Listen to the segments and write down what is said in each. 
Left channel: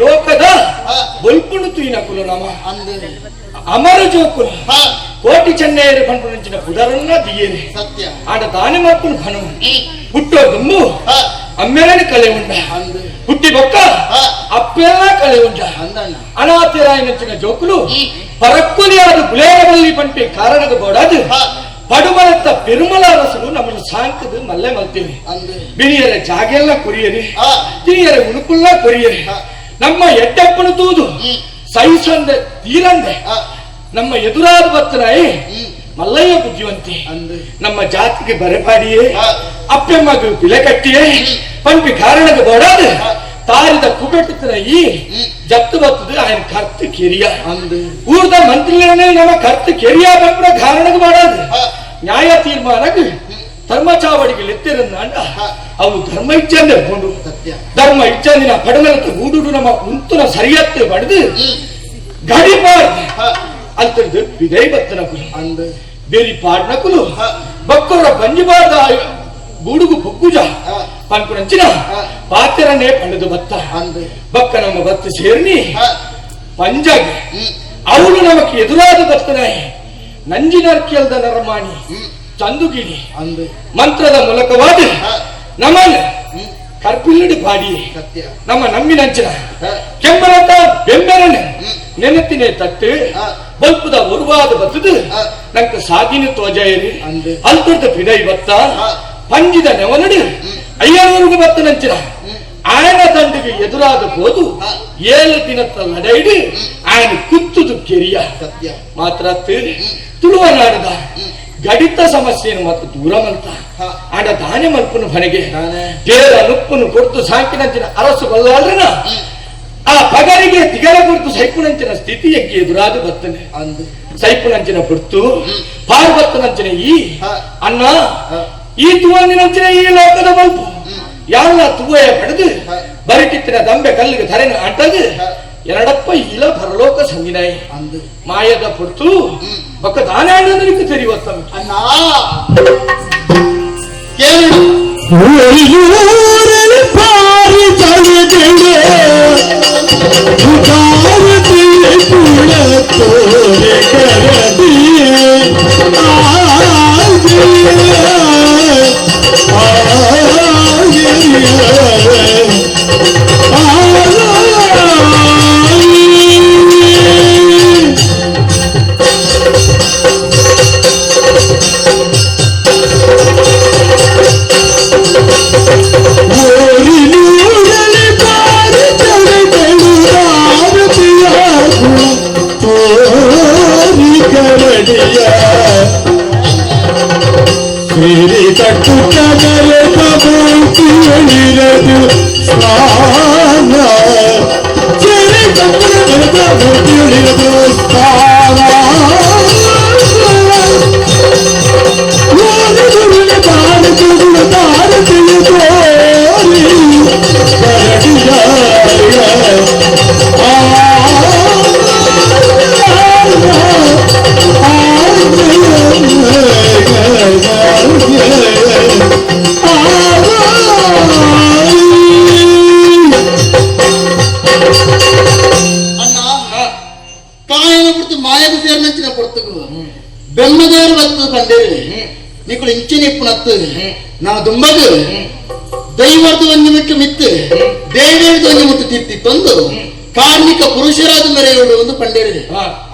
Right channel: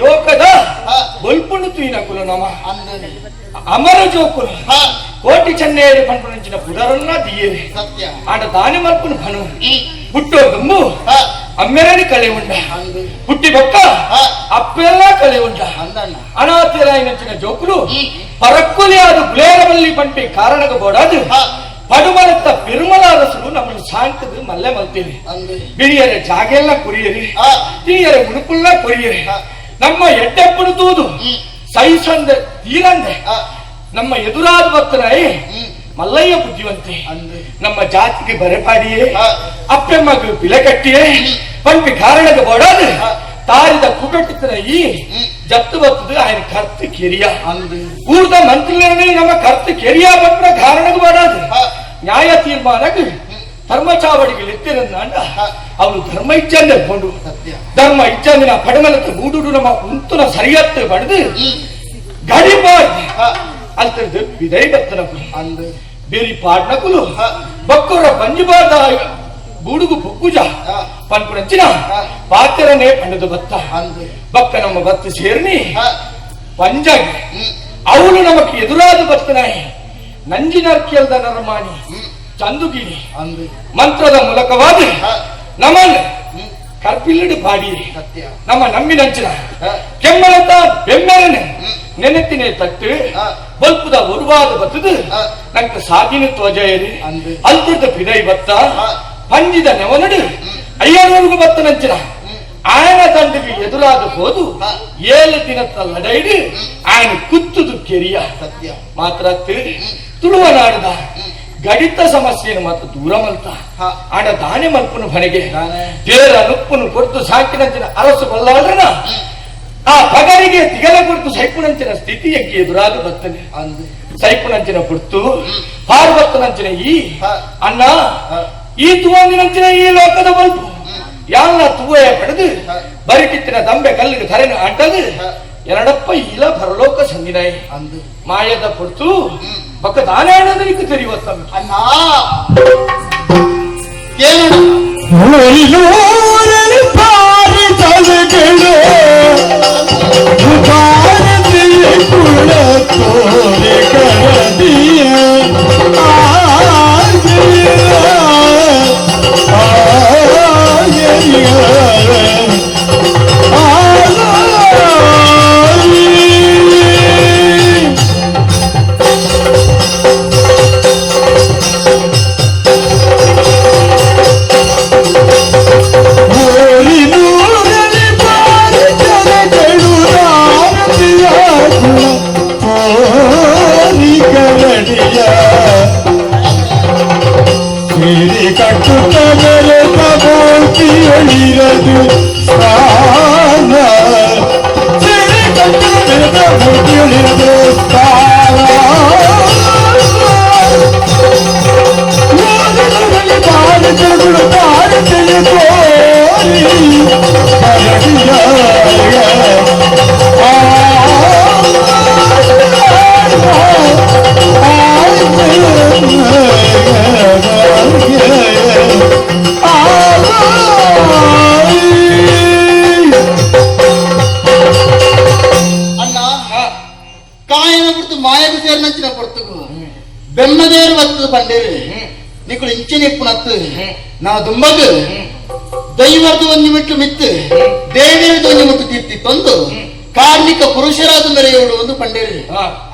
ಲೋಕದ ಬಲ್ಪಣ್ಣು ತುಯ್ನಕುಲು ನಮ ಅಮರ ಜೋಕುಲು ಕೋಟಿ ಚೆನ್ನೇರು ಪಂಪಣಿಂಚಿನ ಪುಡರನ್ನ ದಿಯೇನೆ ಸತ್ಯ ಆಟ ದಾನಿ ಮರ್ಪುನು ಭನು ಹುಟ್ಟೋ ಗಮ್ಮು అమ్మేని కళే ఉండ పుట్టి బొక్క అప్పేలా కళే ఉండ అనాథిరాయనొచ్చిన జోకులు పరక్కుని ఆరు గులేరవల్లి పంపే కారణకు కూడదు ಪಡುಮಲತ್ತ ಪೆರುಮಲ ಅರಸರು ನಮ್ಮನ್ನು ಸಾಯ್ತದ ಮಲ್ಲೆ ಮಲ್ತೇವೆ ಬಿರಿಯರ ಜಾಗೆಲ್ಲ ಕೊರಿಯರಿ ಹಿರಿಯರ ಉಣುಕುಲ್ಲ ಕೊರಿಯರಿ ನಮ್ಮ ಎಟ್ಟೆಪ್ಪಣತೂದು ಸಹಿಸಂದ ತೀರಂದೆ ನಮ್ಮ ಎದುರಾದ ಬತ್ತನಾಯಿ ಮಲ್ಲಯ್ಯ ಬುದ್ಧಿವಂತೆ ನಮ್ಮ ಜಾತಿಗೆ ಬರೆಪಾಡಿಯೇ ಅಪ್ಪೆಮ್ಮಗ ಬಿಲೆ ಕಟ್ಟಿಯೇ ಪಂಪಿ ಕಾರಣಕ್ಕೆ ಬೋಡಾದ ತಾರಿದ ಕುಟುಂಬದ ಈ ಜತ್ತು ಬತ್ತದ ಆಯನ ಕರ್ತು ಕೆರಿಯ ಊರದ ಮಂತ್ರಿಲೇ ನಮ್ಮ ಕರ್ತು ಕೆರಿಯ ಬಂದ್ರ ಕಾರಣಕ್ಕೆ ಬೋಡಾದ ನ್ಯಾಯ ತೀರ್ಮಾನಕ್ಕೆ ಧರ್ಮ ಚಾವಡಿಗೆ ಲೆತ್ತಿರಂದ ಹ, ಅವನು ಧರ್ಮ ಇಚ್ಛಂದೆ ಕೊಂಡು ಸತ್ಯ ಧರ್ಮ ಇಚ್ಛಂದಿನ ಪಡಮಲಕ್ಕೆ ಗೂಡುಡು ನಮ್ಮ ಉಂತುನ ಸರಿಯತ್ತು ಬಡ್ದು ಹ್ಮ್, ಗಡಿ ಪಾಡ್ದು ಹ, ಅಂತದ್ದು ಬಿದೈ ಬತ್ತನಕು ಅಂದೆ ಬೇರಿ ಪಾಡ್ನಕುಲು ಹ, ಬಕ್ಕರ ಬಂಜಿಬಾರ್ದ ಗೂಡುಗು ಬೊಕ್ಕುಜ ಹ, ಪನ್ಪುನಂಚಿನ ಹ. ಪಾತ್ರನೇ ಪಣದು ಬತ್ತ ಅಂದೆ ಬಕ್ಕ ನಮ್ಮ ಬತ್ತ ಸೇರ್ನಿ ಹ, ಪಂಜಾಗಿ ಹ್ಮ್, ಅವನು ನಮಕ್ಕೆ ಎದುರಾದ ಬತ್ತನಾಯಿ ನಂಜಿನರ್ಕಿಯಲ್ದ ನರಮಾಣಿ ಹ್ಮ್, ಚಂದುಗಿನಿ ಅಂದೆ ಮಂತ್ರದ ಮೂಲಕವಾದ ಬಾಡಿ ಕರ್ಪಿಲ್ಲಡು ಪಾಡಿ ಸತ್ಯ. ನಮ್ಮ ನಮ್ಮಿನಂಚಿನ ಕೆಮ್ಮರತ ಬೆಂಬರನೆ ನೆನತಿನ ತಟ್ಟು. ಬಲ್ಪದ ಉರುವಾದ ಬತ್ತದು. ನಂಗೆ ಸಾಗಿನ ತೋಜಾಯರಿ ಅಂದೆ. ಅಲ್ತದ ಪಿದೈ ಬತ್ತ. ಪಂಜಿದ ನೆವನಡು. ಅಯ್ಯನವರೆಗೂ ಬತ್ತ ನಂಚಿನ ಆಯನ ದಂಡಿಗೆ ಎದುರಾದ ಹೋದು. ಏಳು ದಿನತ್ತ ಲಡೈಡು. ಆಯನ ಕುತ್ತುದು ಕೆರಿಯ. ಮಾತ್ರ ತುಳುವ ನಾಡದ. ಗಡಿತ ಸಮಸ್ಯೆಯನ್ನು ಮತ್ತು ದೂರ ಮಲ್ತ ಹ, ಆಡ ದಾನೆ ಮಲ್ಪನು ಹೊರಗೆ ಬೇರ ನುಪ್ಪನು ಕೊಡ್ತು ಸಾಕಿನಂಚಿನ ಅರಸು ಬಲ್ಲಾದ್ರನ. ಆ ಪಗರಿಗೆ ತಿಗರ ಕೊಡ್ತು ಸೈಕುಣಂಚಿನ ಸ್ಥಿತಿ ಎಕ್ಕೆ ಎದುರಾದ ಬರ್ತನೆ. ಅಂದೆ. ಸೈಪುನಂಚಿನ ಕೊಡ್ತು. ಪಾರ್ವತ್ತನಂಚಿನ ಈ. ಅಣ್ಣ ಈ ತುವಂದಿನಂಚಿನ ಈ ಲೋಕದ ಬಲ್ಪು ಹ್ಮ್, ತುವೆಯ ತುವೆ ಪಡೆದು ಬರಿಟಿತ್ತಿನ ದಂಬೆ ಕಲ್ಲಿಗೆ ಧರೆನ ಅಂಟದು. ಎರಡಪ್ಪ ಇಲ ಪರಲೋಕ ಸಂದಿನಾಯಿ. ಅಂದು. ಮಾಯದ ಪೊಡ್ತು ಹ್ಮ್. ಬಕ್ಕ ದಾನಾಡದಕ್ಕೆ ಸೇರಿನಂಚಿನ ಪೊರ್ತುಗಳು ಬೆಮ್ಮದೇರು ಬತ್ತು ಬಂದೇವೆ. ನಿಕ್ಕಳು ಇಂಚಿನ ಇಪ್ಪುನತ್ತು ನಾವು ದುಂಬದು ದೈವದ ಒಂದು ಮಿಟ್ಟು ಮಿತ್ತು ದೇವೇದ ಒಂದು ಮಿಟ್ಟು ತಿತ್ತಿ ತಂದು ಕಾರ್ಮಿಕ ಪುರುಷರಾದ ಮೆರೆಯುವುದು ಒಂದು ಪಂಡಿರಿದೆ.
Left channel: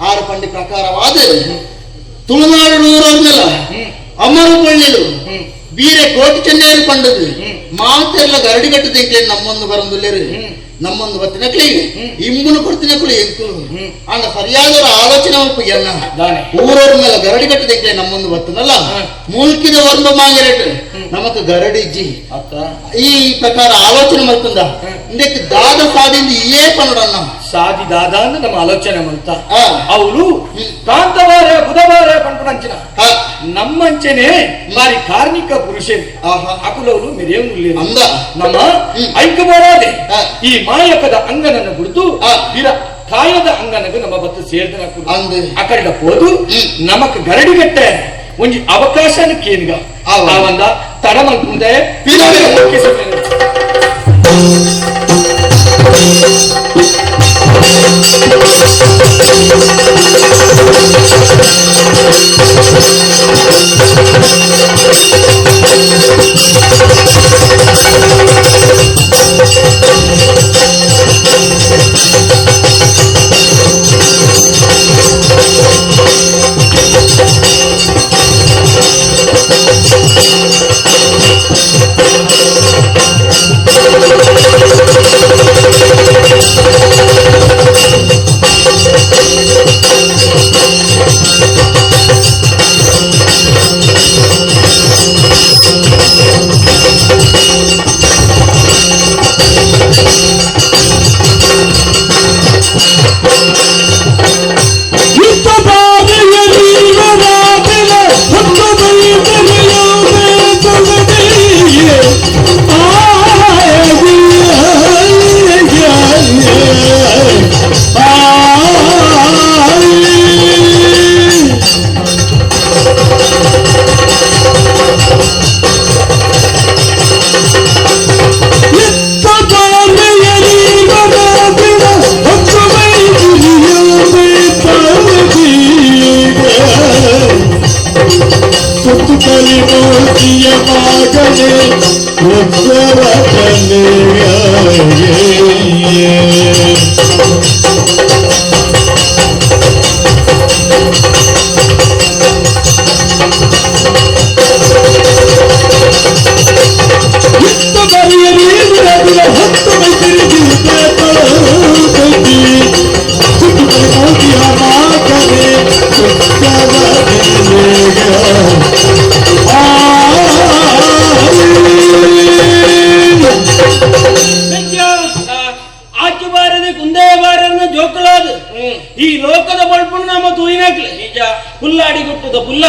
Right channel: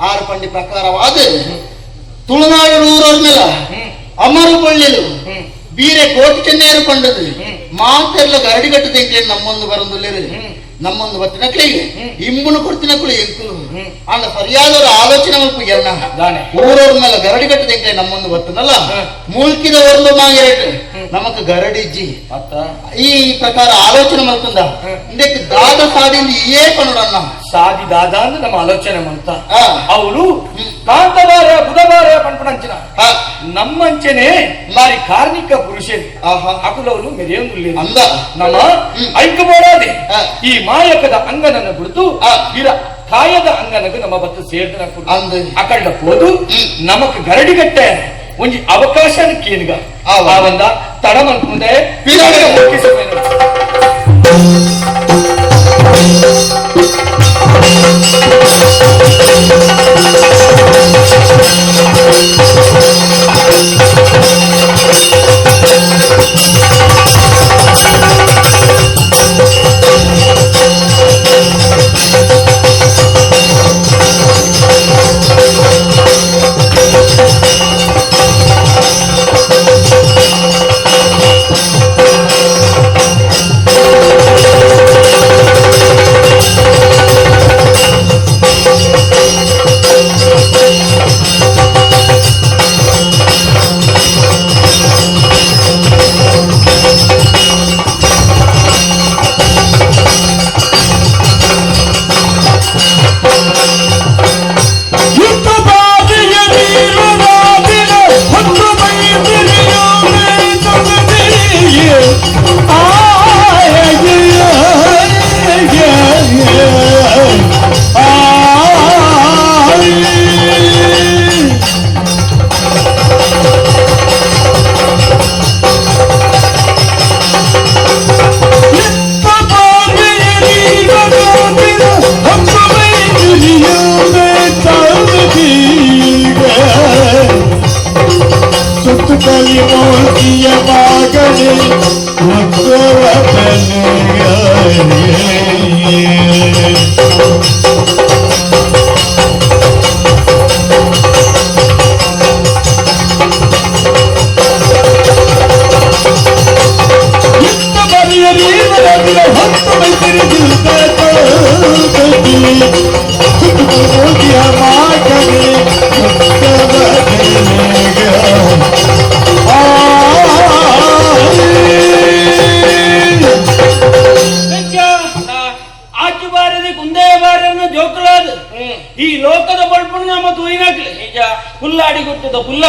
ಆರು ಪಂಡಿ ಪ್ರಕಾರವಾದ. ತುಳುನಾಡು ನೂರವ್ರನ್ನೆಲ್ಲ. ಅಮರು ಪಳ್ಳಿಲು ಬೀರೆ ಕೋಟಿ ಚೆನ್ನೈರು ಪಂಡದು. ಮಾತೆಲ್ಲ ಗರಡಿಗಟ್ಟು ತೆಂಕ್ಲೆ ನಮ್ಮೊಂದು ಬರಂದುಲ್ಲೇರು. ಹ್ಮ್. ನಮ್ಮೊಂದು ಬತ್ತಿನಕ್ಲಿಗೆ ಹ್ಮ್. ಇಮ್ಮುನು ಕೊಡ್ತಿನಕ್ಲು ಎಂಕುಲು ಹ್ಮ್. ಅಣ್ಣ ಸರಿಯಾದವರ ಆಲೋಚನೆ ಮಲ್ಪ ಎಲ್ಲ. ಊರವ್ರ ಮೇಲೆ ಗರಡಿ ತೆಂಕ್ಲೆ ನಮ್ಮೊಂದು ಒತ್ತನಲ್ಲ ಮುಳುಕಿದ ಒಂದು ಮಾಗಿರೇಟ್ ನಮಕ್ ಗರಡಿಜ್ಜಿ ಅತ್ತ ಈ ಪ್ರಕಾರ ಆಲೋಚನೆ ಮಾಡ್ಕೊಂಡ. ಹ್ಮ್. ಇಂದಕ್ಕೆ ದಾದ ಸಾದಿಂದ ಏ ಪನ್ನಡಣ್ಣ ದಾದಿ ದಾದಾಂದ್ ನಮ್ಮ ಆಲೋಚನೆ ಮಾಡ್ತಾ ಆ ಅವ್ಲು ಕಾಂತ ಮಾರ ಉದವಾರ ಪನ್ಪು ಅಂಚಿನ ನಮ್ಮ ಅಂಚೆನೆ ಮಾರಿ ಕಾರ್ಮಿಕ ಪುರುಷೆ ಆಹಾ. ಅಕುಲ ಅವ್ಲು ಮೆದೆವರು ನಮ್ಮ ಐಕ್ಯ ಪೋಡಾದೆ ಈ ಮಾಯಕದ ಅಂಗನನ ಗುರುತು ಆಹ್ ವೀರ ತಾಯದ ಅಂಗನಗ ನಮ್ಮ ಬತ್ತ ಸೇರ್ದ ಅಂದ್. ಅಕಾಯ್ ಪೋದು ನಮಕ್ ಗರಡಿ ಗಿಟ್ಟೆ ಒಂಜಿ ಅವಕಾಶನ್ ಕೇನ್ ಗ ಆ ಲಾವಂದ ತಡಮನ್ ಪುಂದೆ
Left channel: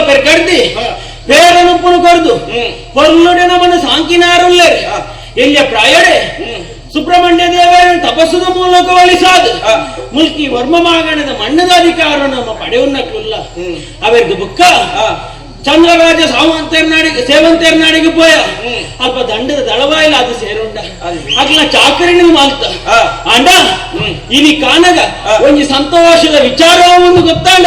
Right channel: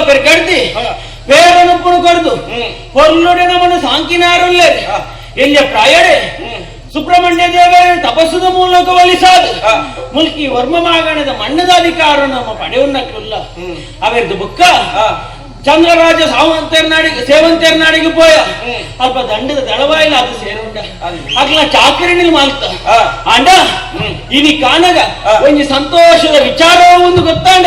ಪೆರ್ ಕಡ್ದಿ ಬೇರನುಪ್ಪುನು ಕೊರ್ದು ಕೊಲ್ಲೊಡೆ ನಮ್ಮನ್ನು ಸಾಂಕಿನಾರುಲ್ಲೇ ಎಲ್ಲಿಯ ಪ್ರಾಯಡೆ ಸುಬ್ರಹ್ಮಣ್ಯ ದೇವರ ತಪಸ್ಸಿನ ಮೂಲಕ ಒಲಿಸಾದು. ಮುಲ್ಕಿ ವರ್ಮ ಮಾಗಣದ ಮಣ್ಣದ ಅಧಿಕಾರ ನಮ್ಮ ಪಡೆಯುನ್ನಕ್ಲಿಲ್ಲ ಅವೆದ್ದು ಬುಕ್ಕ? ಚಂದ್ರರಾಜ ಸಾವಂತರ್ನಾಡಿಗೆ ಸೇವಂತರ್ನಾಡಿಗೆ ಪೋಯ. ಅಲ್ಪ ದಂಡದ ದಳವಾಯಿಲ ಅದು ಸೇರುಂಡ ಅಗ್ಲ ಚಾಕರಿಣಿಗೆ ಮಾಲ್ತ. ಅಂಡ ಇನಿ ಕಾನಗ ಒಂಜಿ ಸಂತೋಷದ ವಿಚಾರ ಒಂದು ಗೊತ್ತಾಂಡ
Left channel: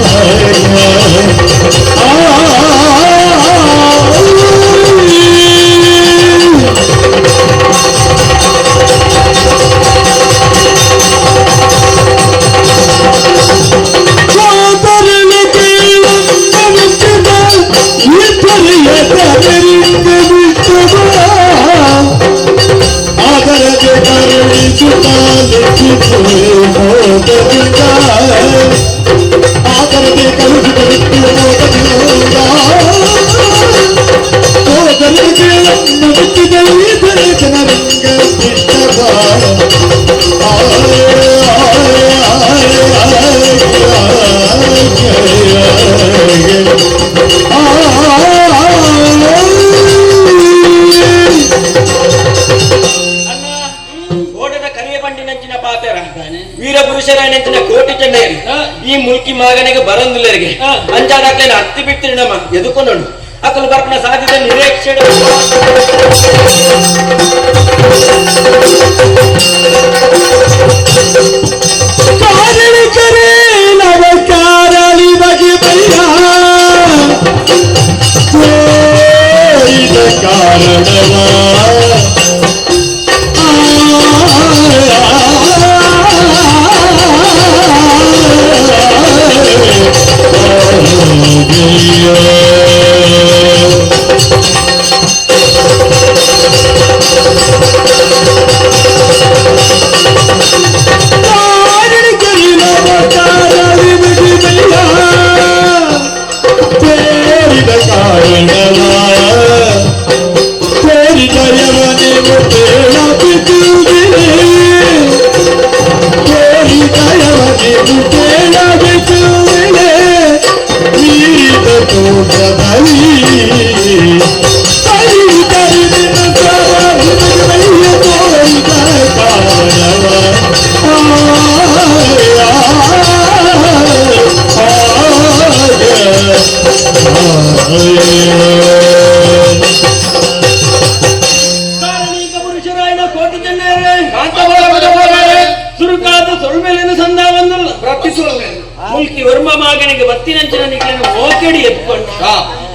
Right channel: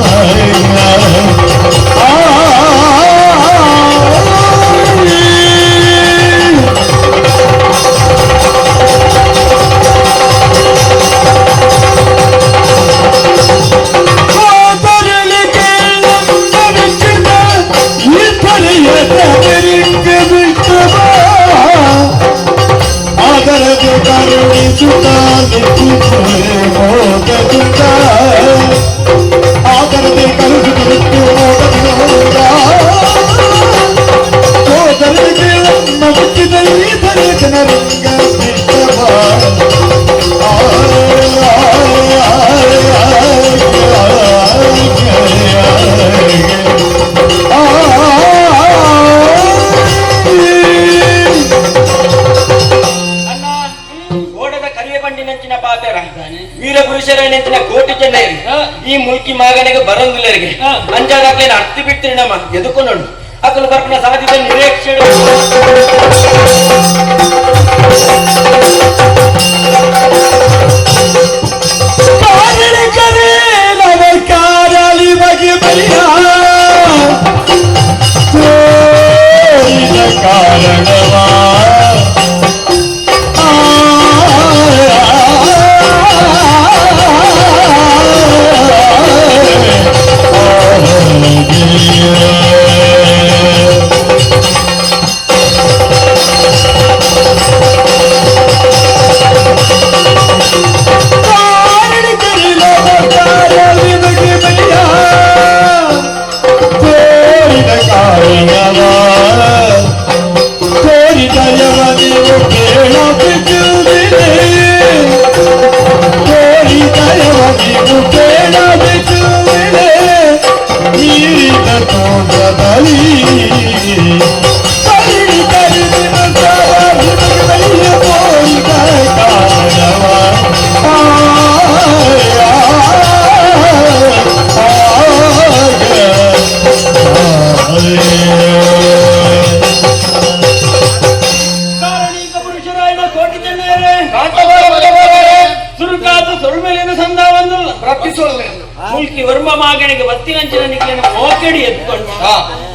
ನೆಂಚಿನ ಪಾತೆರ ವೀರ ಪುರುಷರ ನೆಂಚಿನ ಕೋಟಿ ಚೆನ್ನೈರಿ ಈ ಮುಲ್ಕಿ ಮಾಗನಿಗೆ ಬರೋದಿಲ್ಲರಿಗೆ ಅಂಜಾದಾಗ್ಲೇನ ಹತ್ತಿ ಬಿಡ್ತೀನಿ ನಮ್ಮ ಎದುಕೊಂಡು ಅಕಲು ಬರ್ಪನ ಸಾಧ್ಯತೆ ನಿರೀಕ್ಷೆ ಆ ಮುಲ್ಕಿ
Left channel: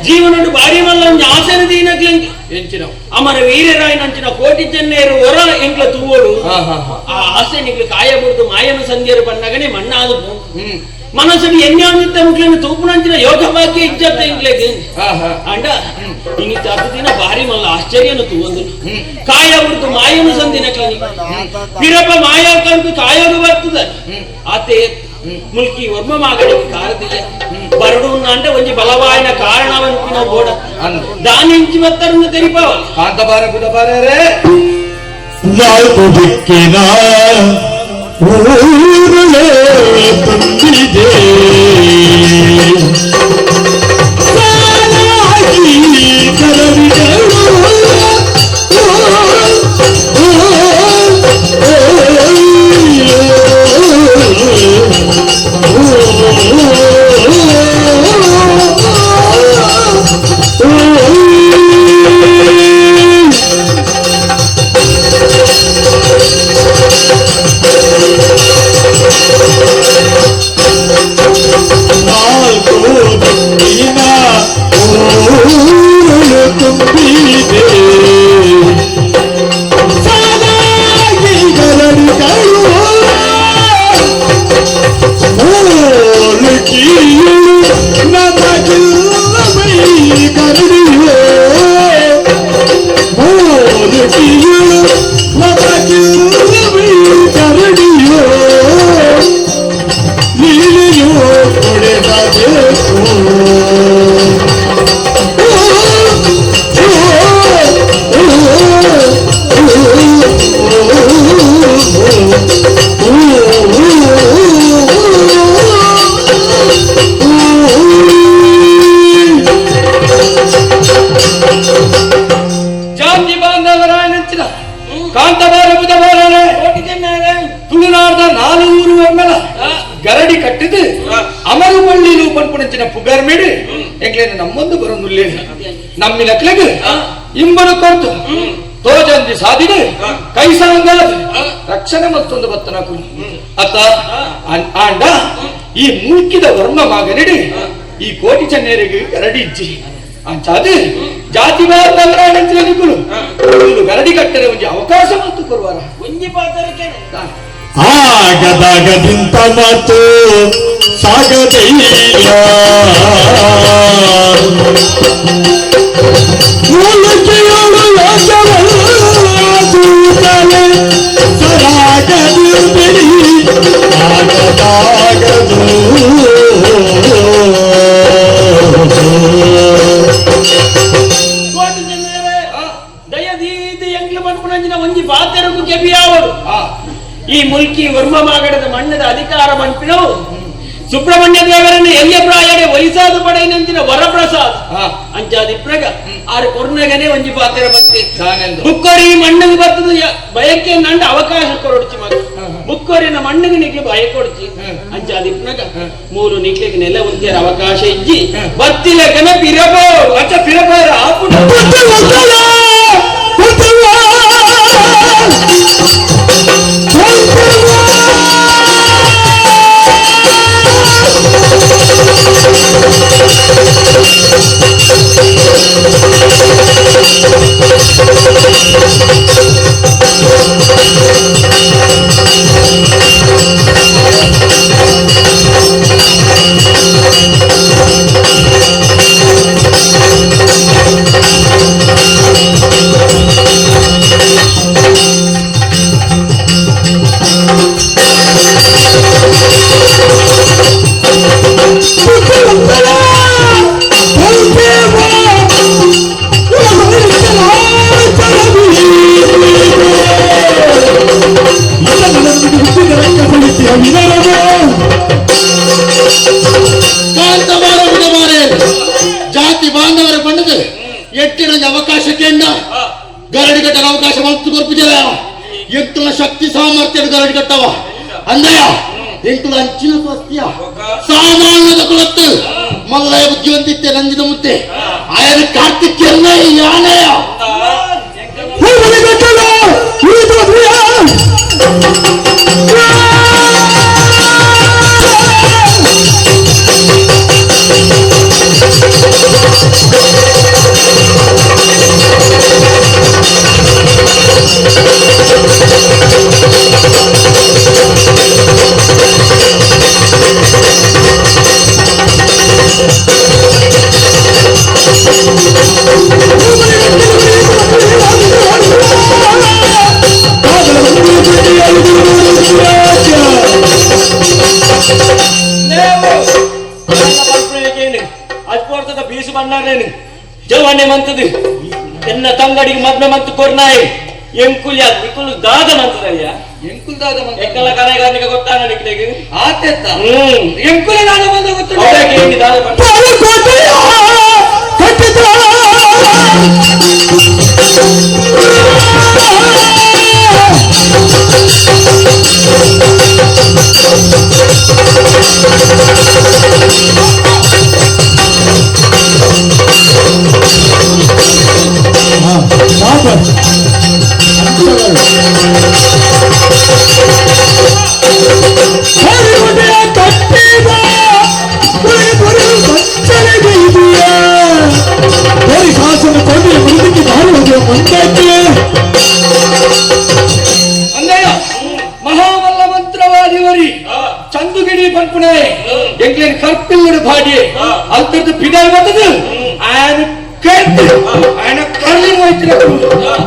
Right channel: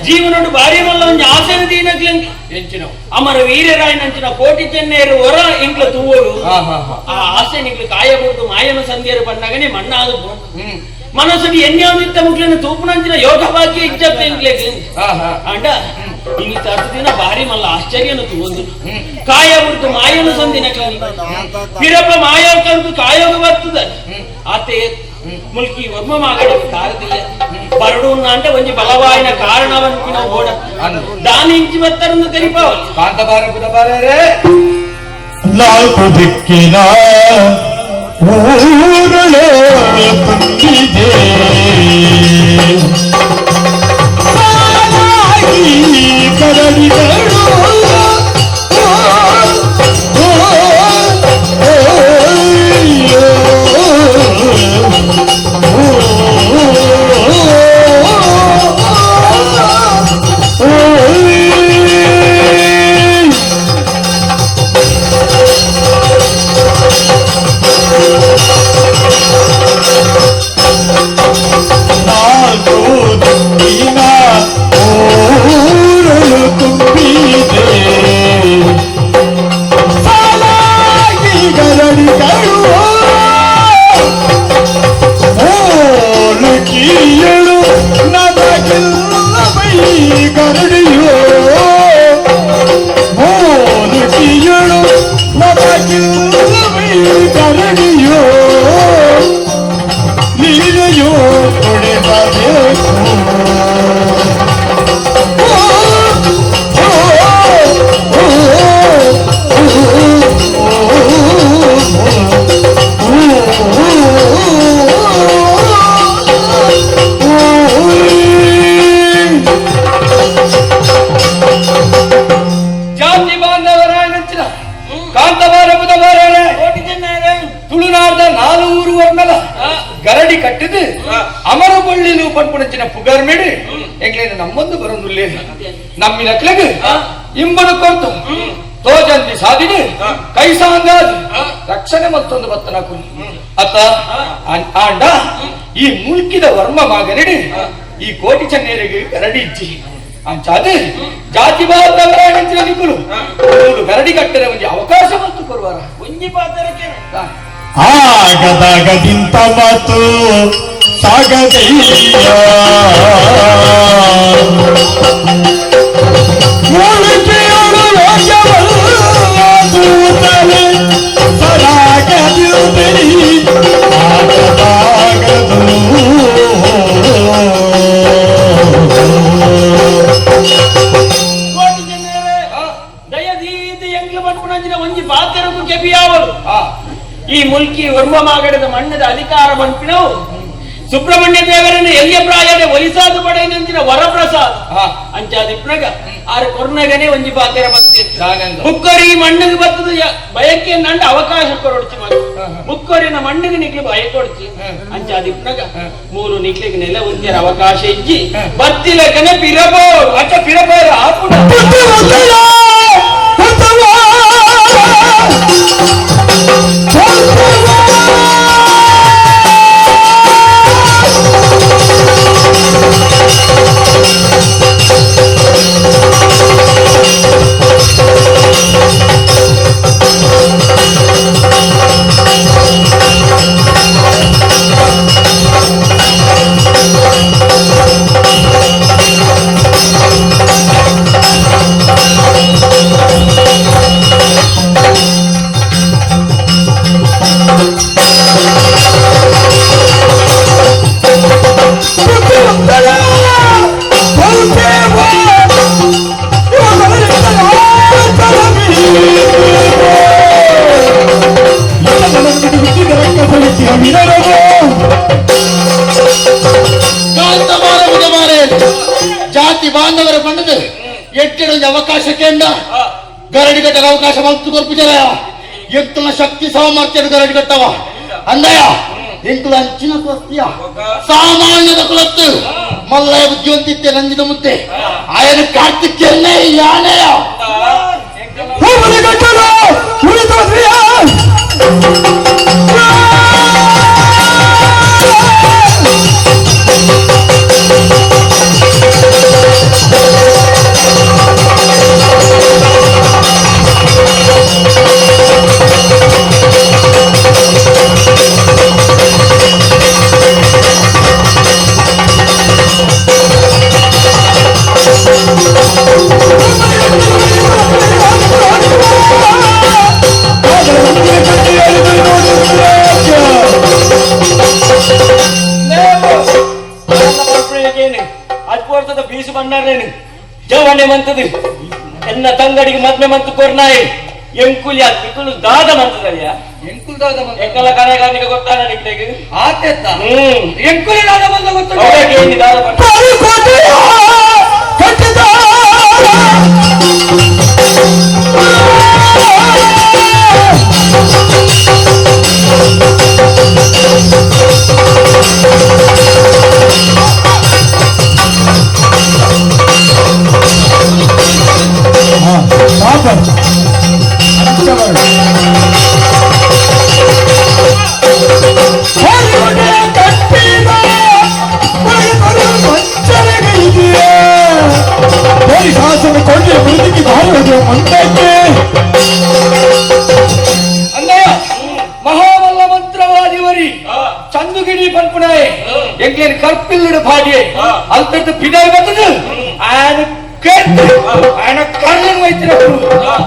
ಹಾ ಜೀವನಡು ಬಾರಿ ಮಲ್ಲಂ ಒಂದು ಆಸನ అమర ಎಂಚಿನ? ಅಮರ ವೀರರಾಯನಂಚಿನ ಕೋಟಿ ಚೆನ್ನೇರು ಹೊರ ಇಂಕ್ಲ ತೂವೋಡು ಹಾ ಹಾ మాయను ಆ ಆಸೆ మన్నాదు మనసుని ఎన్నో ಸಂಧ್ಯರು ಬನ್ನಗನೆ ಮಣ್ಣಾದ యోగ వాక్య ఇచ్చే ಮುಕ್ಲನ್ನು అంట ఇన్ని ಭಾಗ್ಯ భార్య మళ్ళీ ಹಾ ಹಾ. ಅಂಡ మాయను ಹತ್ತು ದಿನ మాయా కలుపు కాయోగ ತೂವೊಂದು. ಹ್ಮ್. ಕಾಯ ಬಿಡ್ತು ಮಾಯನು ಸಂದಿನ ಪಿರಪ ಮಾಯ ಕಂಡು ಕಾಯೋಗ ಬರ್ತದ ಆತೆ ಮುಲ್ಕಿ ವರ್ಮ ಮಾಗಡ ಕಾರದಿಲ್ಲ ಬರಡು అంటే ಒಂಜಿ ಬಲವಾಯಿನ ಕಾರಣವಂತಿನ ಓಡ ಅಂದ್ ದಾನಿಂಚಿ ಬತ್ತರನ್ನು ತೆರಿಪಾವಲ್ಲ ಕಾಂತಬಾರ ಬುಧಬಾರೇ ನಾಲ್ಕು ದಿಕ್ಕಿನ ಊರುಗಳೇ ತುಂಬಿದೆ ಈ ಕೋಟಿ ಚೆನ್ನೇರಿಗೆ ಗರಡಿ ಇಜ್ಜಿ ಅಂಚಾದ ಜಾತಿ ಬಾರ್ದಂಚಿನ ನಿಕ್ಕುಲು ಗರಡಿ ಕಟ್ಟರೆ ಒಂದು ಅವಕಾಶ ಮತ್ತು ಕೊಡುವಾರ ಒಂಜಿ ಪಾತ್ರಕ್ಕೆ ಆಗದಾಗದಿಂತ ಮಾತು ಸಾಗದಯ್ಯ ಈ ಮುಲ್ಕಿ ವರ್ಮ ಮಾಗಡದ ಮಣ್ಣದ ಅಧಿಕಾರ ಬಂಪಿನವು ಸುಬ್ರಹ್ಮಣ್ಯ ದೇವರನ್ನು ಎಲ್ಲಿಯ ಪ್ರಾಯದ ವಯಸ್ಸಾದ ಪಡೆಯನಂಚಿನ ವರಪ್ರಸಾದ್. ಹಾ. ಅಂಚಾದಿಪ್ನಗ ಆರು ಕೊರ್ನಗನೆ ಒಂಜಿ ಪಾತ್ರ ಬತ್ತೆ ಬುಕ್ಕೋರಿ ಮಣ್ಣಿಗೆ ಬತ್ತದ ಬಯಕೆ ನಂಡ ಅವಕಾಶ ಕೊರಡ್ತಿ ಬುಕ್ಕೋರಿನ ಮಣ್ಣಿಗೆ ನಿಕ್ಲಿ ಭಯ ಕೊಡ್ತಿ. ಹ್ಮ್. ಅಂಚಾದಿಪ್ನಗ ಹ್ಮ್. ಮೂರು ನಿಕ್ಲಿಗೆ ನೆಲ ಒಂದಿನ ಅವಕಾಶ ಇಜ್ಜಿ ಹ್ಮ್. ಬತ್ತಿಲಕನ ಪಿರಬೋ ಅಚ್ಚ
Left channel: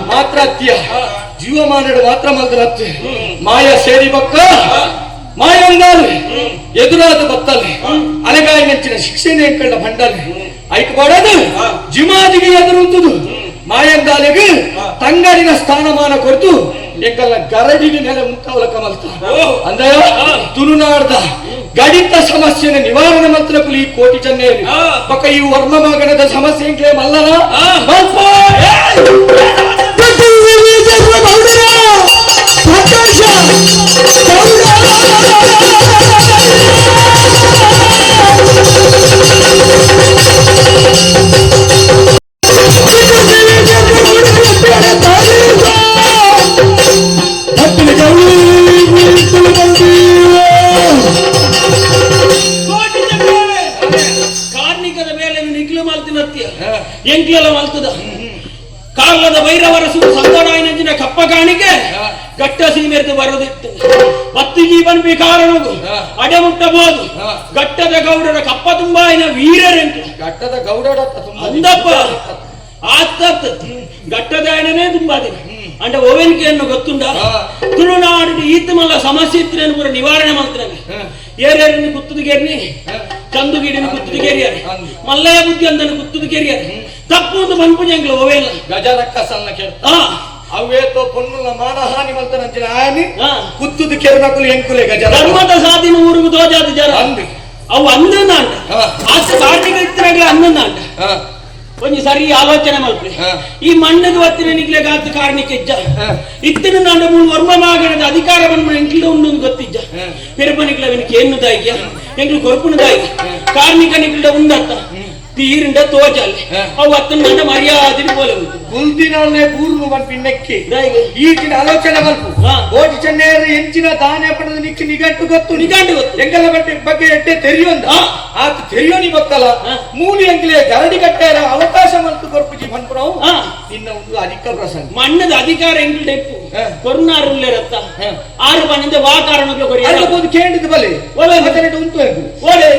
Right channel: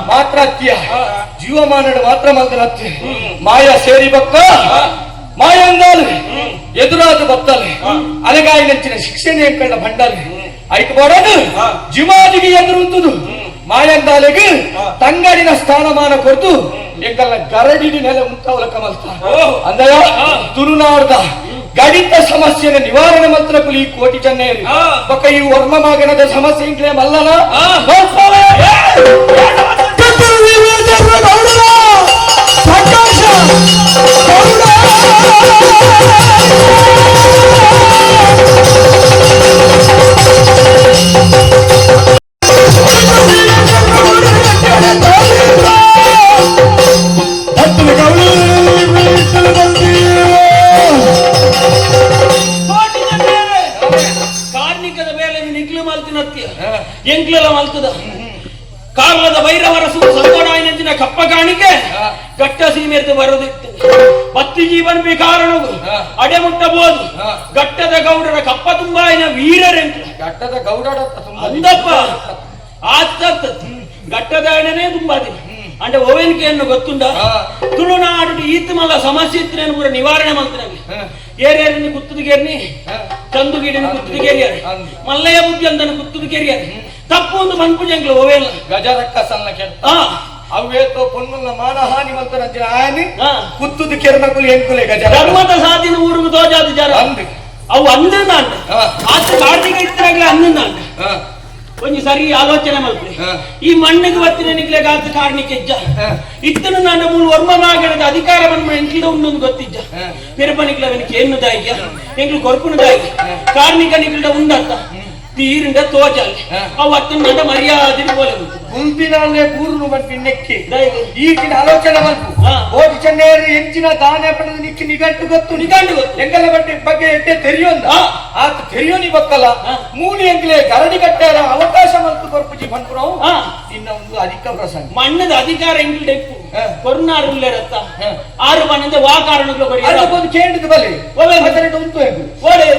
ಮಾತ್ರ ಅತ್ಯ ಜೀವಮಾನಡು ಮಾತ್ರ ಮಾತ್ರ ಮಾಯ ಸೇರಿ ಬಕ್ಕ ಮಾಯಂಗಾಲು ಎದುರಾದ ಬತ್ತಲೆ ಅಲೆಗಾಯಿ ನೆಚ್ಚಿನ ಶಿಕ್ಷಣ ಕಂಡ ಭಂಡಾಲೆ ಐಕ್ ಮಾಡೋದು ಜಿಮಾಜಿಗೆ ಎದುರುಂತದು ಮಾಯಂಗಾಲೆಗೆ ತಂಗಡಿನ ಸ್ಥಾನಮಾನ ಕೊಡ್ತು ಎಂಕಲ್ಲ ಗರಡಿನ ಮೇಲೆ ಮುಂತಾವಲ ಕಮಸ್ತ ಅಂದಯ ತುಳುನಾಡ್ದ ಗಣಿತ ಸಮಸ್ಯೆನ ನಿವಾರಣೆ ಮಾತ್ರ ಈ ಕೋಟಿ ಹಾ. ಪಕ್ಕ ಈ ವರ್ಮ ಮಗನದ ಸಮಸ್ಯೆ ಮಲ್ಲನ ಹಾ. ಘಟ್ಟದ ತುಂಬಾ ಅಂದಪ್ಪ ಆತ್ತ ಗಟ್ಟದಾಯಣನೇ ತುಂಬಾ ದಿನ. అంటే ಓವೆನ್ಕೆಯನ್ನು ಗೊತ್ತುಂಡ. ತುಳುನಾಡು ಈತಮಲ್ಲ ಸಮಸ್ಯೆ ಇತ್ತು ಪೂರ ನಿವಾರಣೆ ಮಾಡ್ತಾರೆ ಹಾ. ಏರ್ಯಾರಿನ ಕುತ್ತುದಿಗೇರ್ನಿ ಹಾ. ಚಂದುಗೀಡಿನ ಕುತ್ತುದಿಗೇರಿಯಾರೆ ಅಂದು. ಮಲ್ಲಯ್ಯ ಬುದ್ಧಿ ಅಂದನು ಕುತ್ತುದಿಗೇರಿಯಾರೆ ತಪ್ಪು ಒಂದು ಮನ್ಪುಜಂಗ್ಲು ಗಜ ಗಜರಕ್ಕ ಸಣ್ಣ ಕೆಲ ಹಾ. ಅವೇತೋ ಪೊನ್ನುಲ ಮಾನಹಾನಿ ಮಲ್ತನಂಚಿನ ಆಯನಿ ಹಾ. ಕುತ್ತುದು ಕೆರ್ಮಕುಲು ಎಂಕುಲೆ ಗಜರ ಧರ್ಮದ ಸಾಧಿನ ಊರುಗು ತೋಜಾದ ಜರ ಅಂದು. ಅವು ಅನ್ನ ಹಾ. ಆಚೆ ಕಾರ್ತಿಕ ಇತ್ತರಾಗ್ಲೇ ಅಂದಂದಾಂಡ ಹಾ. ಒಂಜಿ ಸರಿ ಆಲೋಚನೆ ಮಾಡ್ತೀನಿ. ಈ ಮಣ್ಣದ ಹೊತ್ತಿನ ನಿಗ್ಲೆ ಗಾತ ಕಾರಣಕ್ಕೆ ಇಜ್ಜ. ಇತ್ತನ ನಾನು ಮೂರು ವರ್ಮ ಮಾಗಣದ ಅಧಿಕಾರವನ್ನು ಎಂಕಿದ ಉಂಡು ಗೊತ್ತಿಜ್ಜ ಗೊತ್ತಿದ್ದ. ಪಿರಪ ನಿಗ್ಲ ಅವನಿಗೆ ಏನು ದಾಯ್ಯ ಎಂಕ್ಲು ಕೊರ್ಪುನ ದಾಯ್ಯ ಕಾರ್ಮಿಕ ನಿಗ್ಲ ಉಂದತ್ತ ತೀರಿಂದ ತೋಜಲ್ಲಿ. ಅವು ಅತ್ತನ ನಂಡ ಮರ್ಯಾದೆ പോലെ ಗೊತ್ತು ಗುಲ್ದಿನಲ್ಲೇ ನೆಕ್ಕಿ. ಮಲ್ಪಿನ್ನಕ್ಕೆ ದಾಯ್ಗೆ ಈಗಿನ ಆಲೋಚನೆ ಬಂತು. ಕೋಟಿ ಚೆನ್ನೈಯರ ಎಂಚಿನ ದಾನ ಪಡೆದು ನಿಕ್ಕಿ ನಿಗಂಟು ಗೊತ್ತು. ನಿಗಂಡ ಗೊತ್ತು. ಎಂಗಲ ಬಟ್ಟೆ ಬಗ್ಗೆ ಎಟ್ಟೆ ತೆರೆಯೋಂದ. ಆತ ತೆರಿಯೋನಿ ಬಕ್ಕಲ್ಲ. ಮೂಲಿ ಎಂಗ್ಲೆ ಗರಡಿ ಕಟ್ಟಾರ ಅವಕಾಶ ಮಲ್ತು ಕೊರ್ಪುಜಿ ಬಂದ್ರು ನಿನ್ನ ಇನ್ನ ಒಂದು ಅಧಿಕ ಪ್ರಸಂಗ. ಮಣ್ಣದ ಅಧಿಕಾರ ಎಂಕ್ಲು ಡೆಪ್ಪು ಹಾ. ಕೊರ್ನಾರು ಉಳ್ಳೆ ರತ್ತ ಆರು ಬಣ್ಣದ ವಾ ಕಾರಣಗಳು ಬರೀ ಬಂದು ಕೇಳಿದ ಬಲೆ ಒಲೆ. ಮತ್ತೆ ಉಂಟು ಎಂದು ಒಳ್ಳೆ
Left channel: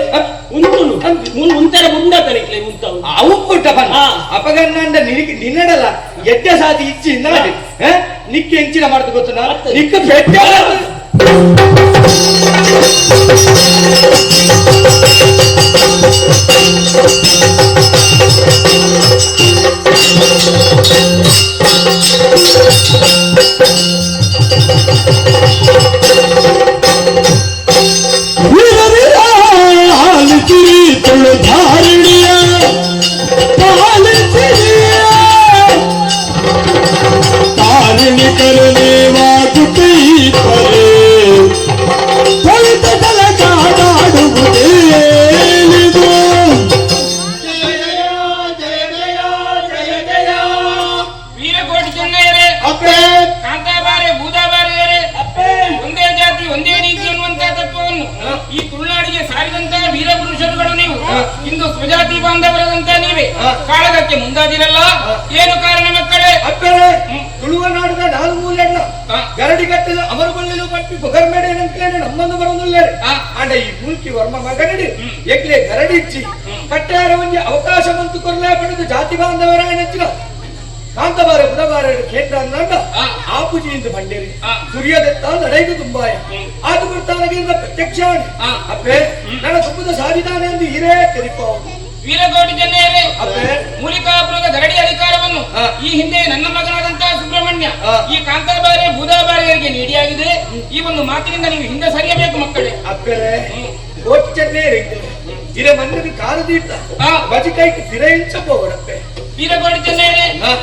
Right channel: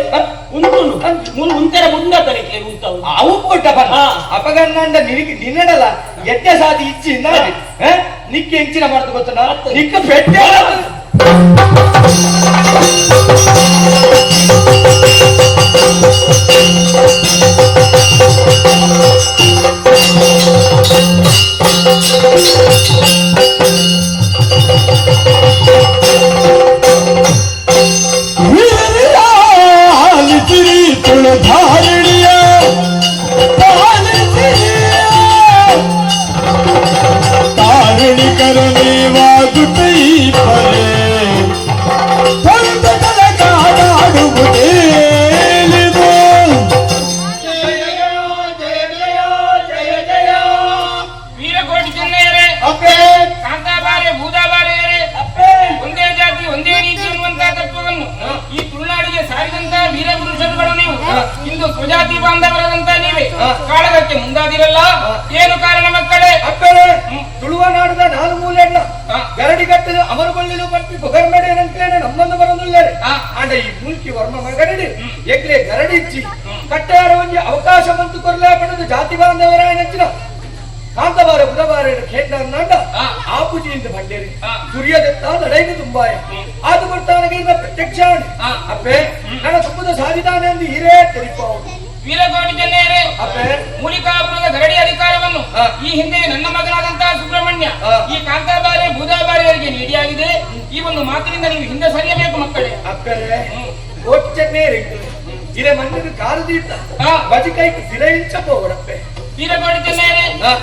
ಉಂಟು ಮುಂತರ ಮುಂದ ತಲಿಕ್ಲೆ ಮುಂತಾವು ಅವು ಕೊಟ್ಟ ಬಲ ಹಾ. ಅಪಗನ್ನಂಡ ನಿನಗೆ ನಿನ್ನಡಲ್ಲ ಎಡ್ಡ ಸಾದಿ ಇಚ್ಚಿ ನಾಡಿ ನಿಕ್ಕೆ ಎಂಚಿನ ಮಾಡ್ದು ಗೊತ್ತನ ನಿಕ್ಕ ಪೆಟ್ಟ ಇಂದು ಸುಜಾತಿ ಬಾಂಧವರಾದಂತ ನೀವೇ. ಕಾಳಗಕ್ಕೆ ಮುಂದಾದಿರಲ್ಲ. ಏನು ಕಾರಣ ಮಕ್ಕಳೇ? ಅಕ್ಕಳೇ ತುಳುವ ನಾಡದ ನಾಲ್ಕು ಮೂಲೆಣ್ಣ ಗರಡಿ ಕಟ್ಟಿದ ಅವರ ಬಳ್ಳಿಲು ಪಟ್ಟಿ ಬೊಗರ್ಮೇಡೆ ಅಂತೇನೆ ನಮ್ಮನ್ನು ಬರೋದಿಲ್ಲರೆ. ಆಂಡ ಈ ಮುಲ್ಕಿ ವರ್ಮ ಮಗನಡಿ ಎಗ್ಲೆ ಗರಡಿ ಇಚ್ಚಿ ಕಟ್ಟಾರ ಒಂಜಿ ಅವಕಾಶ ಬಂತು ಕೊರಲೇ ಪಡೆದು ಜಾತಿ ಬಾಂಧವರ ನೆಚ್ಚಿನ ಕಾಂತಬಾರೆ ಬುಧವಾರ ಕ್ಷೇತ್ರ ಅಂದಾಗ ಆ ಪೂಜೆಯಿಂದ ಬಂಡೇರಿ ಹಾ. ದುರ್ಯದತ್ತ ತುಂಬಾ ಆದು ಬರ್ತಾನಗಿರುವ ಪ್ರತ್ಯಕ್ಷ. ಅಪ್ಪೆ ನನ್ನ ಸುಮ್ಮದ ಸಾರಿದಾನೆ ಎಂದು ಹಿರೇ ತೆರಿಪ ವೀರಗೋಟಿ ಚೆನ್ನಯ್ಯರೇ ಅಪ್ಪೆ. ಮೂಲಿಕಾಪುರದ ಗರಡಿ ಅಧಿಕಾರವನ್ನು. ಈ ಹಿಂದೆ ನನ್ನ ಮಗನಾದಂತಹ ಸುಬ್ರಹ್ಮಣ್ಯ. ಈ ಕಾಂತಾಬಾರಿ ಬೂದಾಬಾರಿಯರಿಗೆ ನೀಡಿಯಾಗಿದೆ. ಈ ಒಂದು ಮಾತಿನಿಂದ ನೀವು ಹಿಂದೆ ಸರಿಯಬೇಕು ಮಕ್ಕಳೇ. ಅಕ್ಕರೇ ಕೋಟಿ ಚೆನ್ನೇ ಇರೆ ಮಣ್ಣಿನ ಕಾಲು ತೀರ್ಥ ಬಜಿ ವೀರಗೋಡಿ ಚೆನ್ನಯ್ಯರೇ ಹಾ.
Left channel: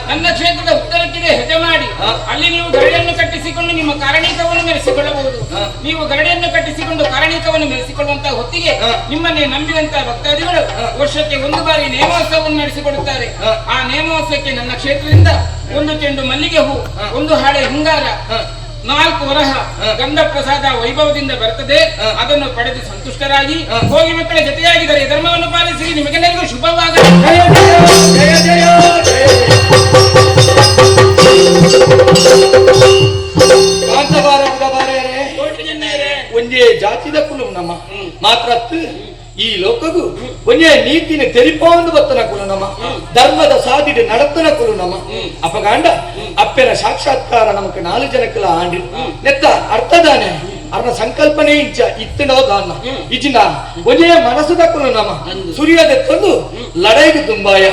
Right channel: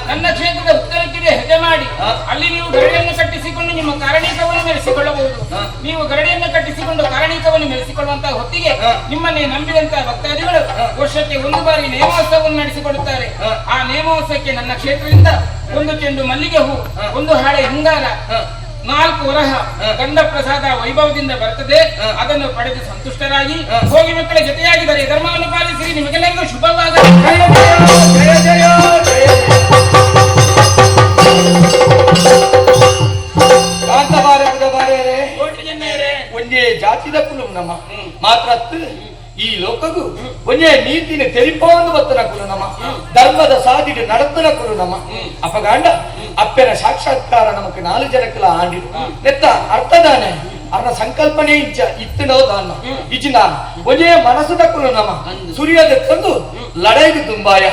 ನನ್ನ ಕ್ಷೇತ್ರದ ಉತ್ತರಕ್ಕಿದೆ ಹೆಜ್ಜೆ ಮಾಡಿ ಅಲ್ಲಿ ನೀವು ಗರಡಿಯನ್ನು ಕಟ್ಟಿಸಿಕೊಂಡು ನಿಮ್ಮ ಕಾರಣೀಕವನ್ನು ಮೆರೆಸಿಕೊಳ್ಳಬಹುದು. ನೀವು ಗರಡಿಯನ್ನು ಕಟ್ಟಿಸಿಕೊಂಡು ಕಾರಣೀಕವನ್ನು ಮೆರೆಸಿಕೊಳ್ಳುವಂತಹ ಹೊತ್ತಿಗೆ. ನಿಮ್ಮನ್ನೇ ನಂಬಿದಂತಹ ಭಕ್ತಾದಿಗಳು ವರ್ಷಕ್ಕೆ ಒಂದು ಬಾರಿ ನೇಮೋತ್ಸವವನ್ನು ನಡೆಸಿಕೊಡುತ್ತಾರೆ ಆ. ನೇಮೋತ್ಸವಕ್ಕೆ ನನ್ನ ಕ್ಷೇತ್ರದಿಂದ ಒಂದು ಚೆಂಡು ಮಲ್ಲಿಗೆ ಹೂ ಒಂದು ಹಾಡೆ ಹಂಗಾರ ನಾಲ್ಕು ವರಹ ಗಂಡ ಗಂಧ ಪ್ರಸಾದ ವೈಭವದಿಂದ ಬರ್ತದೆ. ಅದನ್ನು ಪಡೆದು ಸಂತುಷ್ಟರಾಗಿ. ಹೋಗಿ ಮಕ್ಕಳ ಜೊತೆಯಾಗಿದ್ದಾರೆ ಧರ್ಮವನ್ನು ಪಾಲಿಸಿ ನಿಮಗೆಲ್ಲರಿಗೂ ಶುಭವಾಗಲಿ. ಒಂದೇ ಜಾತಿದ ಕುಲು ನಮ್ಮ ಮಾತ್ರ ಈ ಲೋಕಗು ಒಂದೇ ನೀತಿನ ತೆರಿಪೋಂದು ಬತ್ತನ ಕುರು ನಮ್ಮ ಧರ್ಮದ ಸಾಧಿಡ ನಡತನ ಕುಲು ನಮ್ಮ ಅಪಗಾಂಡ ಅಪ್ಪೆನ ಸಾಕ್ಷಾತ್ಕಾರ ನಮಕ್ ನಾಲ್ಕು ಜನಕ್ಕಲ ಆಂಡಿ. ನೆತ್ತ ಅರ್ಥದಾನೆ ಅವನ ಸಂಕಲ್ಪನೆ ಇಜ್ಜ ಇತ್ತಿನೋ ದಾನ. ಇಜಿನ ಒಂದೇ ಮನಸ್ಸು ತಕ್ಕನು ನಮ್ಮ ಸೂರ್ಯದೆತ್ತಂದು ಲಡೈಗೆ ತುಂಬಾಯ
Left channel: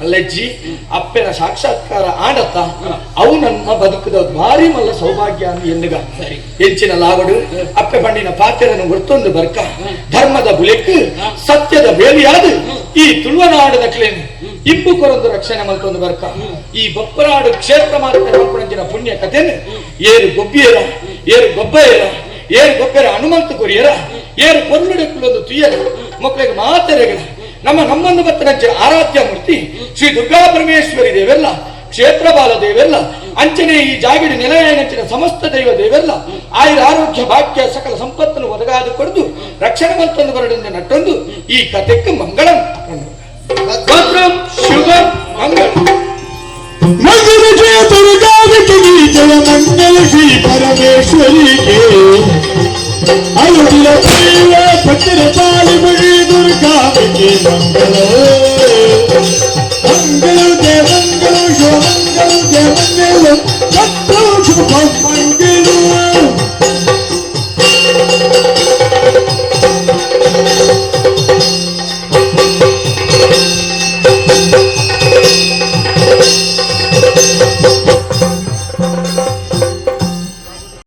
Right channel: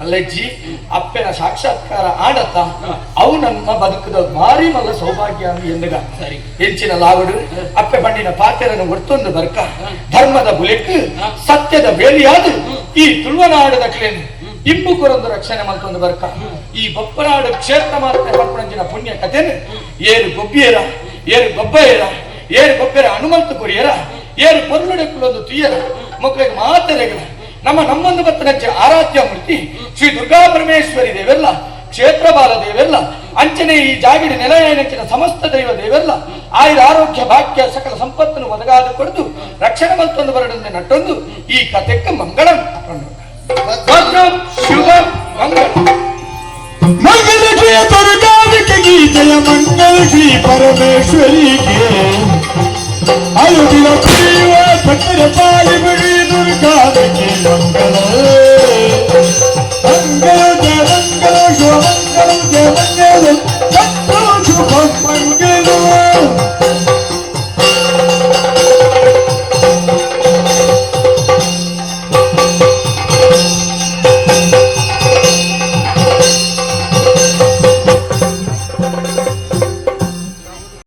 ಅಲ್ಲಜ್ಜಿ ಅಪ್ಪನ ಸಾಕ್ಷಾತ್ಕಾರ ಆಡತ್ತ ಅವು ನಮ್ಮ ಬದುಕದ ಭಾರಿ ಮಲ್ಲ ಸೌಭಾಗ್ಯ ಎಂದಗ ಎಂಚಿನ ಲಾವಡು ಅಪ್ಪೆ ಬಣ್ಣಿನ ಪಾತ್ರನ ಒತ್ತೊಂದು ಬರ್ಕ ಧರ್ಮದ ಬುಲೆಕ್ ಸತ್ಯದ ಬೇಲಿಯಾದ ಈ ತುಳುವನಾಡದ ಕ್ಲೇನು ಇಬ್ಬು ಕೊರೊಂದು ರಕ್ಷಣೆ ಮಲ್ಕೊಂದು ಬರ್ಕ. ಈ ಬೊಪ್ಪನಾಡು ಕ್ಷೇತ್ರ ಮಾತ್ರ ಬಂಪುರಂಜಿನ ಪುಣ್ಯ ಕಥೆನು ಏರು ಗೊಬ್ಬಿಯರ ಏರು ಗೊಬ್ಬೆಯರ ಏರು ಗೊಬ್ಬರ ಹನುಮಂತ ಕೊರಿಯರ ಏರು ಕೊಂದುಡೆಕ್ಕುಳೊಂದು ತುಯ್ಯರ ಮಕ್ಕಳಿಗೆ ಮಾತರೆಗಳ ನಮ್ಮ ನಮ್ಮೊಂದು ಬತ್ತನಜ್ಜ ಆರಾಧ್ಯ ಮೂರ್ತಿ ಶ್ರೀ ದುರ್ಗಾ ಪರಮೇಶ್ವರಿ ದೇವೆಲ್ಲ ಕ್ಷೇತ್ರಬಾಲ ದೇವೆಲ್ಲ ಅಂಚನೆ ಈ ಜಾಗಿಡಿ ನೆಲೆಯನೆಚ್ಚಿನ ಸಮಸ್ತ ದೈವ ದೇವೆಲ್ಲ, ಆಯುರ ಆರೋಗ್ಯ ಭಾಗ್ಯ ಸಕಲ ಸಂಪತ್ತನ್ನು ಒದಗಾದ ಪಡೆದು, ರಕ್ಷಣೆ ಮತ್ತೊಂದು ಬರಡೆಂದು ನಟ್ಟೊಂದು ಈ ಕಥೆಕ್ಕೆ ಮಂಗಳ. ಶುಭಂ ಮಂಗಳ. கொண்டே